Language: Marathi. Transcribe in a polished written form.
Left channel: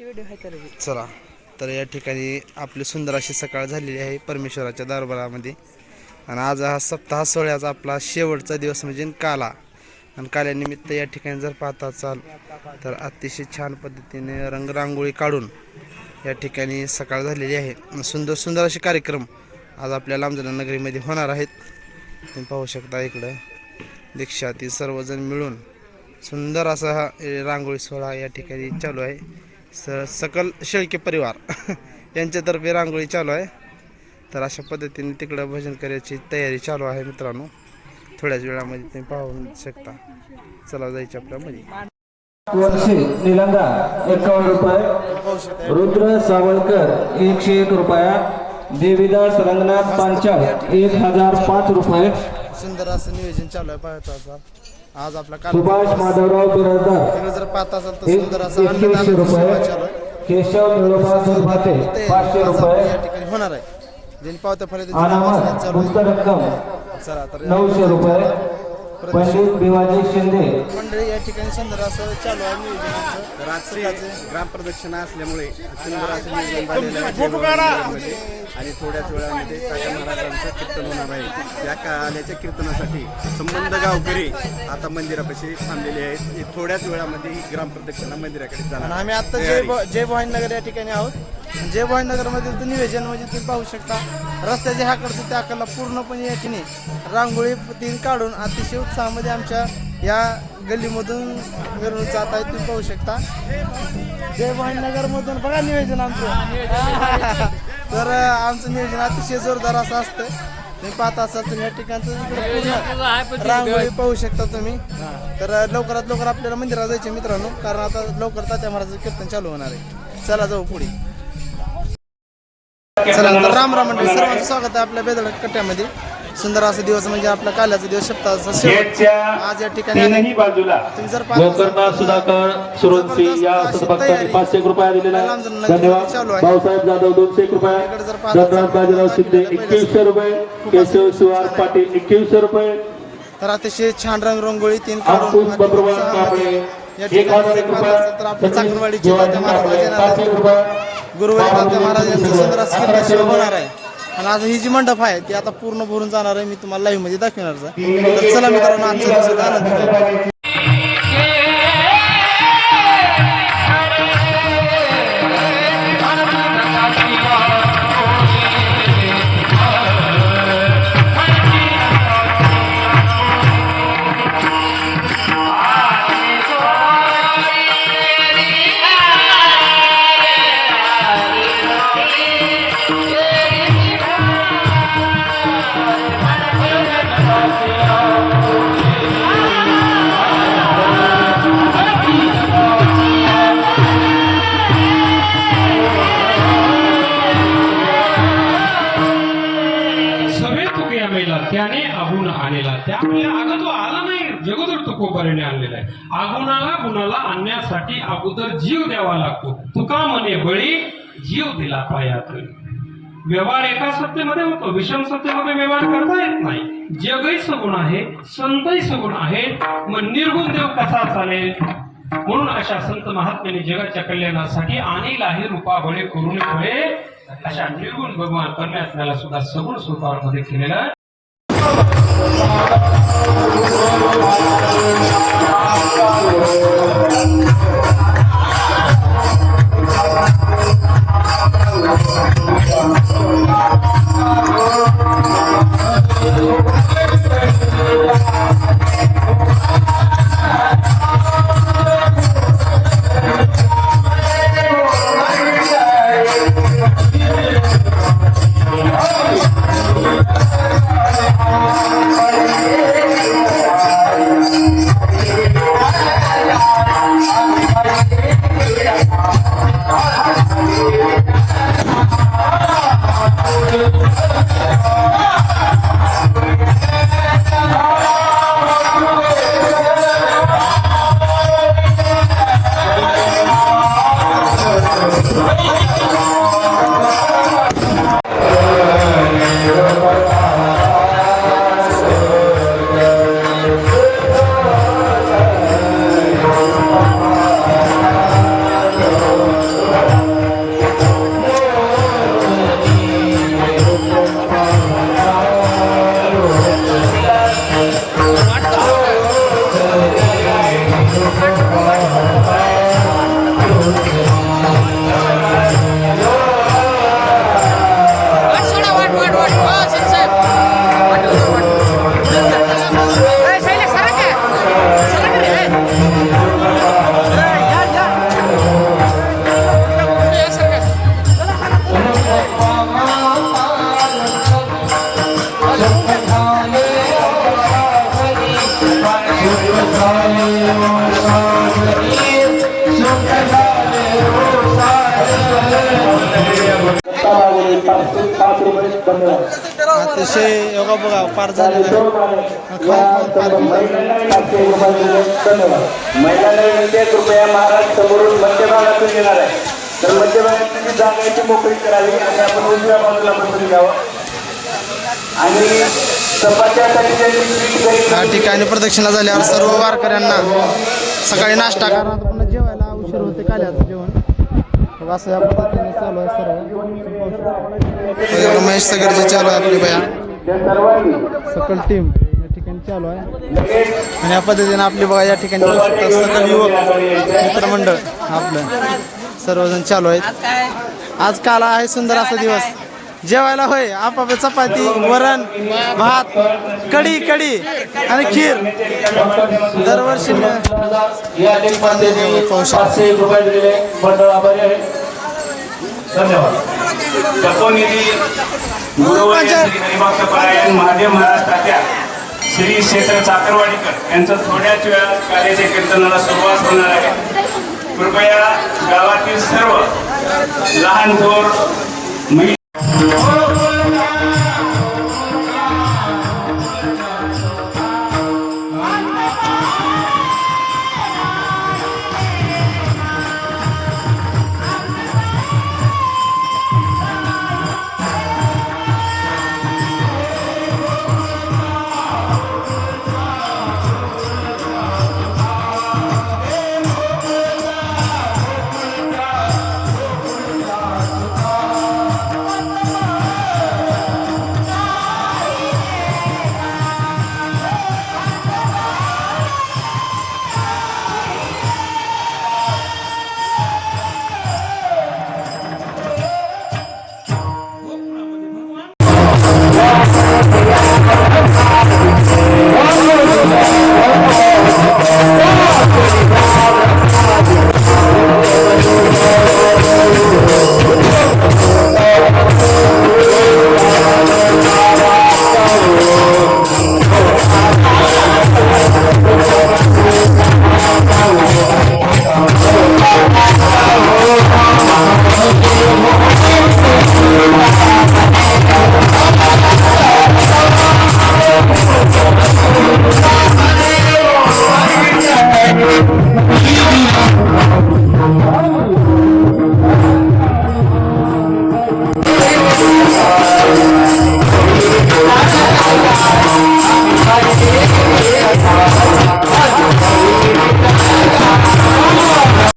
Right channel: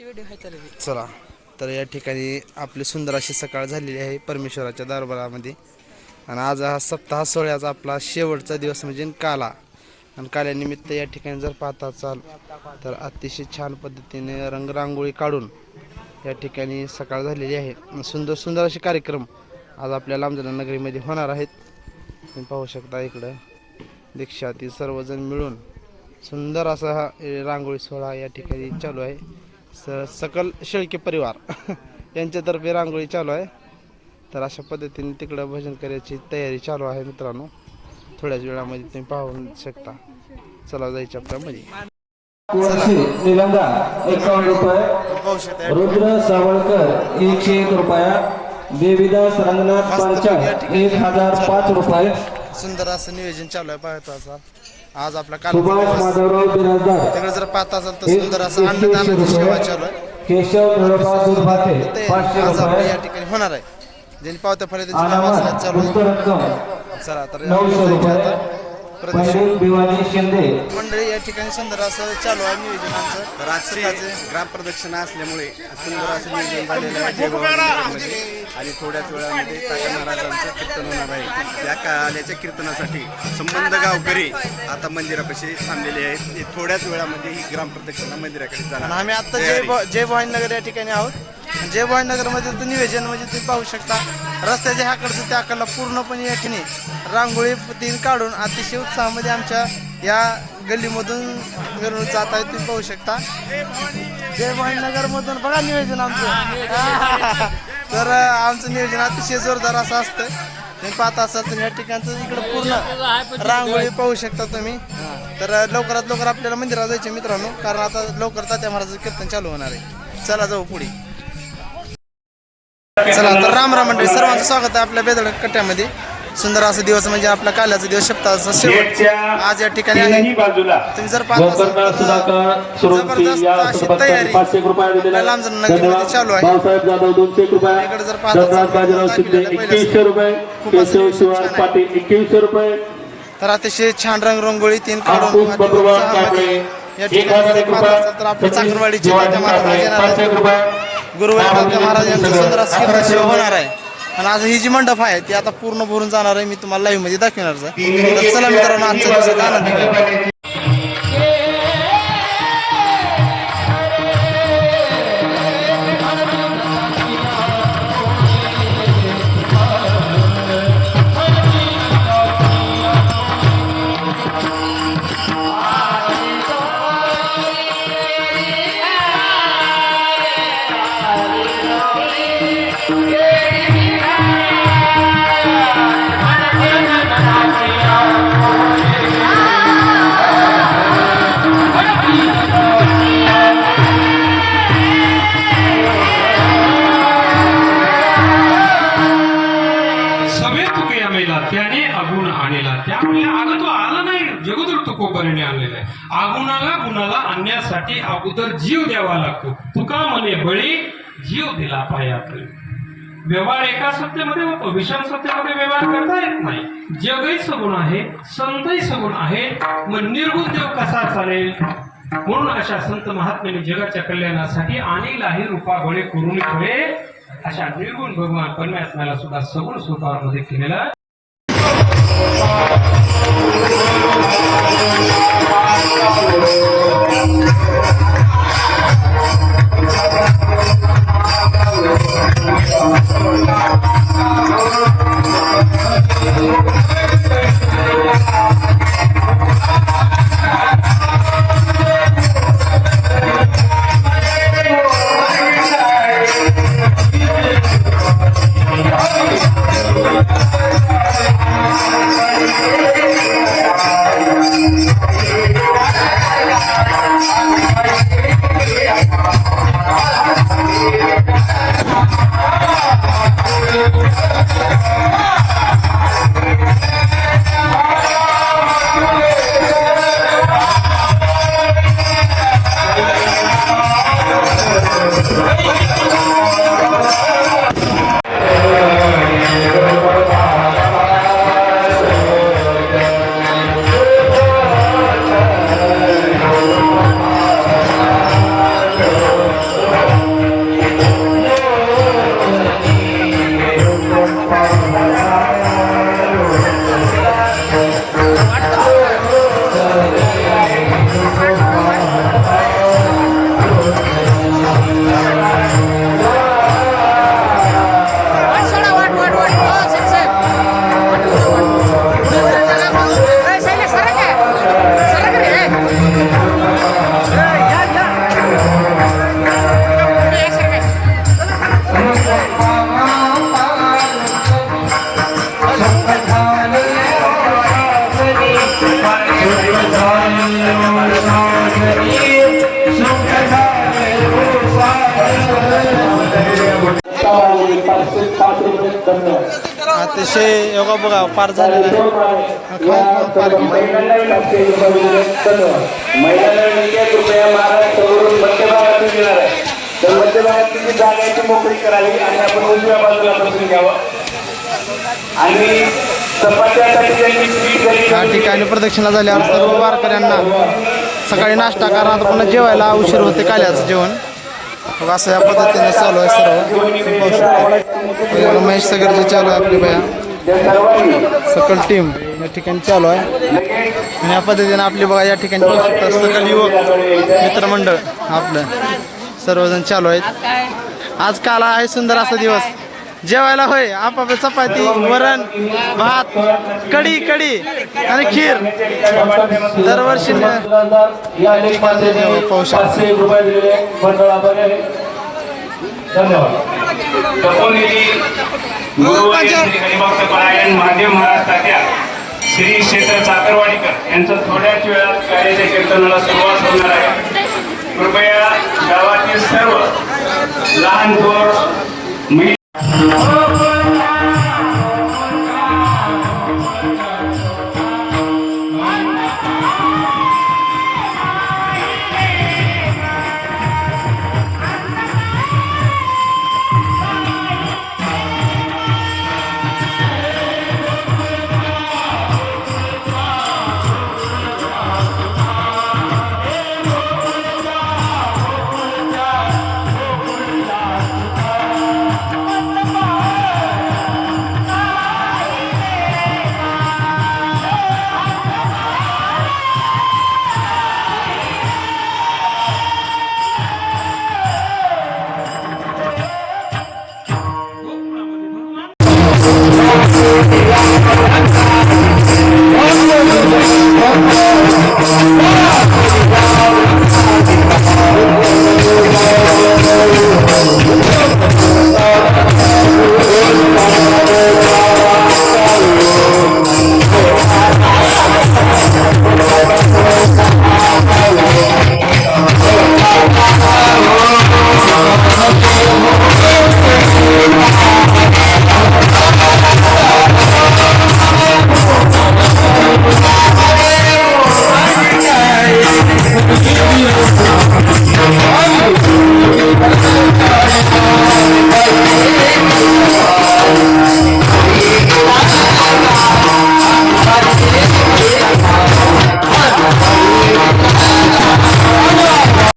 चला तर या ठिकाणी आपली सुंदर अशी सकाळ झालेली आहे परमेश्वराच्या दरबारामध्ये. आणि आज हा सप्ताह सोहळ्याचा आपला शेवटचा दिवस म्हणजे काला. आणि काल्यानिमित्त या ठिकाणी जर पाहता चाल तर अतिशय छान पद्धतीने रंगरांगोळी काढून या ठिकाणी सकाळ झालेली आहे. सुंदर सुंदर असे कार्यक्रम आज आपल्या लांबजना नगरीमध्ये होणार आहेत. तुम्ही पाहू शकता इकडं दीक्षातील सर्वजण मिळून सुंदर असा हा रांगोळी सोहळा या ठिकाणी चालू आहे. सकल शेळके परिवार यांच्यातर्फे रांगोळी चालू आहे. तर अशा पद्धतीने तिकडं भजन करायची तयारी चालू आहे मित्रांनो. थोड्याच वेळामध्ये तुम्ही पाहू शकता. चला जायचं आपल्यामध्ये. निलंगा 51 रुपये, रुद्र सावळकर 101 रुपया, देवीदास रंगनाथ पांचाळ 1005 रुपये. सुंदर असं नियोजन चालू आहे. पाहतो असा आज आपला कार्यक्रम तिकडे जर पाहता असाल तर सुंदर असं अन्नदानाची सेवा चालू आहे. आज आपल्या या ठिकाणी होणार आहे. ज्यांनी पावत्या फळे त्यांची नाव वाचण्यात चालू आहे. चला तर मंडळी या ठिकाणी सुंदर असं चालू आहे नियोजन आमचं. तर आज श्रीचे ग्रामप्रदक्षिणा असल्यामुळे सुंदर असं नियोजन झालेलं आहे जयभवानीनगरमध्ये. आणि थोड्याच वेळामध्ये तात्या महाराजांचं कीर्तन होणार आहे. या काल्याच्या कीर्तनासाठी संबंध गावकरी आता मंदिरापाशी थांबलेले आहेत. थोड्याच वेळामध्ये ही ग्रामप्रदक्षिणा मंदिराकडे जाणार. आम्ही आता जयभवानीनगर या ठिकाणी आहोत. जयभवानीनगरमध्ये तर नियोजन म्हणजे तुम्ही पाहू शकता रस्त्याच्या ह्याकडचं त्याकडला पूर्णपणे या ठिकाणी रांगोळी तीन काढून अतिशय उत्साहामध्ये आमच्या या गल्लीमधून मिरवणूक जात आहे. तुम्ही पाहू शकता जयभवानीनगरमधून बघा नियोजन आमचं. तर आमचं नियोजन अतिशय जोरदार असं असतं. तुम्ही पाहता असाल तर या ठिकाणचं इकडं पूर्ण रांगोळी पाहू शकता तुम्ही. तर लवकरात लवकर आपल्याला मंदिरात जायचे मित्रांनो, कारण आता लवकर तात्या महाराजांचं कीर्तन चालू होणार आहे. चला जाऊ पुढे. चला तर राम मंडळी, सर्वांचं स्वागत आहे आपल्या बेदड कट्ट्यामध्ये. सुंदर असा दिवस म्हणजे आपला काल्याचा दिवस सप्ताहाचा शेवट आज या ठिकाणी आहे. तुम्ही जर पाहता लांबजण नगरीमध्ये चालू आहे. इकडे जर पाहता तर अतिशय छान रंगरंगोळी तीन काढून या ठिकाणी जर पाहता तर आपल्या चाकरवाडीचे तात्या महाराज गुरुवारी तात्या महाराज यांचं सुंदर असं कीर्तन सेवा होणार आहे. आणि आज ही जी मंडप आहे ती आता पूर्ण भरून जाणार आहे. मी तुम्हाला लाईव्ह मध्ये दाखवणार आहे. तर चला मित्रांनो, आजच्या दिवसाचा आनंद घेऊ. त्याने आगुण आणलेला, त्यामुळे आगतो आला नाही, जगदूर तुकोबाने आणलेला आहे. आगुणाला गुणाला आणण्यासाठी अगोदर जीव द्यावा लागतो. तुका म्हणे बळी जीव दिला पायात. व्यवहार एका सत्तेमध्ये होतो, विषम सत्तेमध्ये व्यवहार करता येत नाही. जगही सगुण आहे, संतही सगुण आहे, मग निर्गुण देव कसा चालेल? म्हणून अशा संत महात्म्याने जगाच्या कल्याणासाठी आणीलाही रूपा बळे करून ठेवले. अशा निर्गुण भगवान परमात्म्याला सुद्धा सगुण स्वरूपामध्ये केलेला. अतिशय योगा बघा पार झालेला आहे. महिलांना 1 रुपया महाराष्ट्रावरून मध्यभागातून येणार आहे. तर मध्यभागात जी जागा आहे ती मोकळी करावी आणि आपण उजव्या बाजूला बसून घ्यावं. आणि या ठिकाणी प्रदक्षिणा झाल्यावर सर्व वारकऱ्यांना सकाळी नाश्ता करा, पुन्हा जेवायला उशीर होते काल्याचं जेवण. बघा असं या पद्धतीने चालू आहे सर्व. रमेश सगरजी चालू आहे आपली बया सकल टीम या ठिकाणी चालू आहे. आणि या पद्धतीने आपली बघा या ठिकाणी पाहू शकता सकल युवक मित्रमंडळ आपलं सर्वजण चालू आहेत. आज काला आहे सुंदर असा दिवस. जेवायला होय आपापल्या चपाती, वरण, भात, कढी आणि खीर दरवर्षी पाहू शकतो. धन्यवाद. महादेव महाराज तात्या श्री क्षेत्र चाकरवाडीकर यांचं थोड्याच वेळात कार्याच्या कीर्तनाला सुरुवात होणार आहे. कृपया गावातील सर्व लहान थोर